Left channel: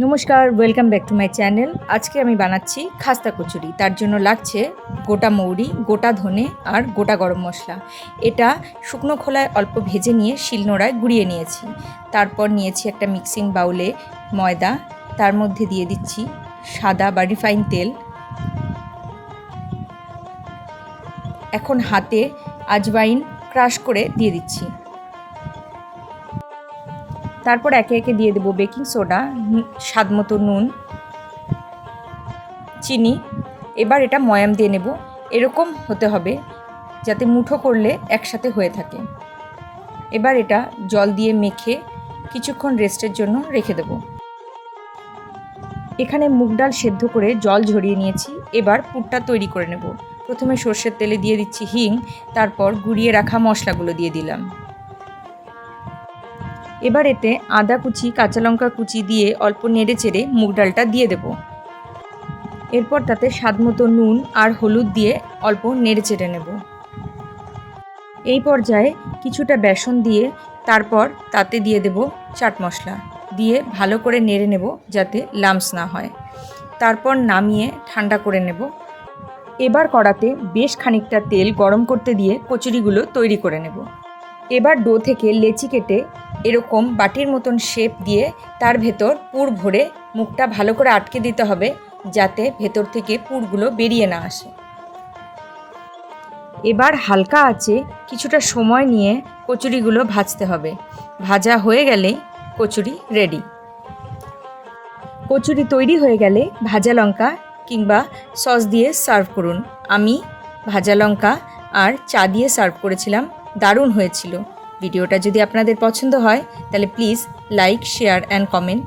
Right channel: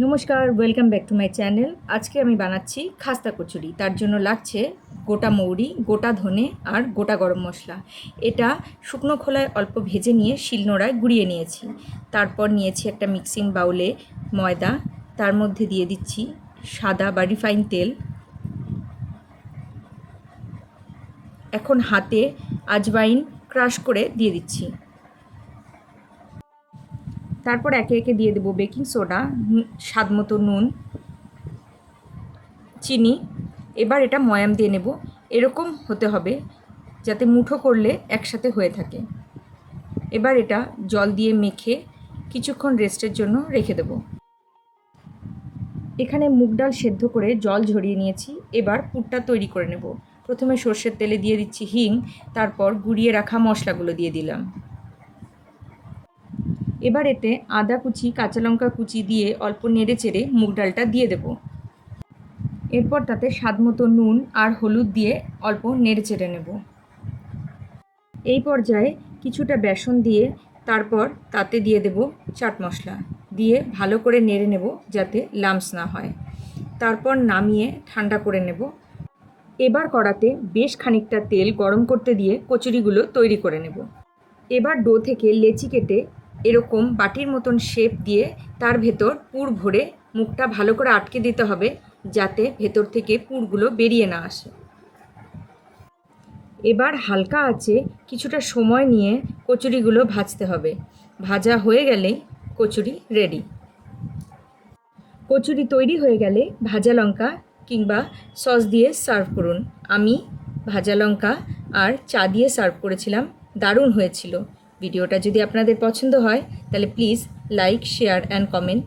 নমস্কার, welcome back to my channel. আজকে আমি বানাচ্ছি খাস্তা কচুরি। তার জন্য লাগছে গোটা মৌরি, গোটা ধনে আর গোটা গরম মশলা। এটা শুকনো খোলায় অল্প ভেজে নিয়ে শিলনোড়ায় গুঁড়িয়ে নিয়েছি। তারপর নিয়েছি একটা মিক্সিং বাউলে ময়দা, তার মধ্যে দিয়ে দিচ্ছি সাদা বা রিফাইন তেল। এখন হাতে আজওয়াইন ক্রাশ করে দিয়ে দিচ্ছি। তারপর একে একে দিয়ে দেবো বেকিং সোডা, স্বাদ মতো নুন, চিনি। এবার এটা ময়াম দিয়ে নেব। এরকম হতে হবে যাতে মুঠো করলে একসাথে হয়ে থাকে। এবার এটা জল দিয়ে মেখে কিছুক্ষণ রেস্টের জন্য রেখে দেব। এখানে মুগ ডাল সেদ্ধ করে জল ঝরিয়ে নিয়েছি। এবার পুরটা তৈরি করে নেব। প্রথমে সর্ষের তেলে দিয়ে দিচ্ছি হিং, তারপর গুঁড়িয়ে রাখা মশলাগুলো দিয়ে দিলাম। এবার এতে আদা কুচি, কাঁচা লঙ্কা কুচি দিয়ে অল্প নেড়ে চেড়ে মুগ ডালটা দিয়ে দেব। এরপর তাতে স্বাদমতো নুন আর হলুদ দিয়ে অল্প নেড়ে চেড়ে নেব। এই পর্যায়ে কিছুটা বেসন দিয়ে তারপর তাতে দিয়ে দেব চাট মশলা, দিয়ে ভালো করে নেড়ে নেব যাতে লাম্পস না হয়। তারপর নামিয়ে ঠান্ডা করে নেব। এবার কড়াতে বেশ খানিকটা তেল গরম করতে দিয়ে কচুরিগুলো তৈরি করে নেব। এবার ডো থেকে লেচি কেটে এরকম বাটির মতন শেপ দিয়ে তার ভেতর পুর ভরে মুখটা ভালো করে আটকে দিতে হবে যাতে ভেতর থেকে পুরগুলো বেরিয়ে না আসে। এবার হালকা আঁচে কিছুটা সময় নিয়ে কচুরিগুলো ভাজতে হবে। ভাজা হয়ে গেলেই কচুরি রেডি। কচুরি তৈরি হয়ে গেলে ভাজা লঙ্কা কিংবা সস দিয়ে সার্ভ করুন। আমি ভাজা লঙ্কা আর চা দিয়ে সার্ভ করেছিলাম, দারুণ হয়েছিল। ভিডিওটা যদি আপনাদের পছন্দ হয় তাহলে please like, share and comment.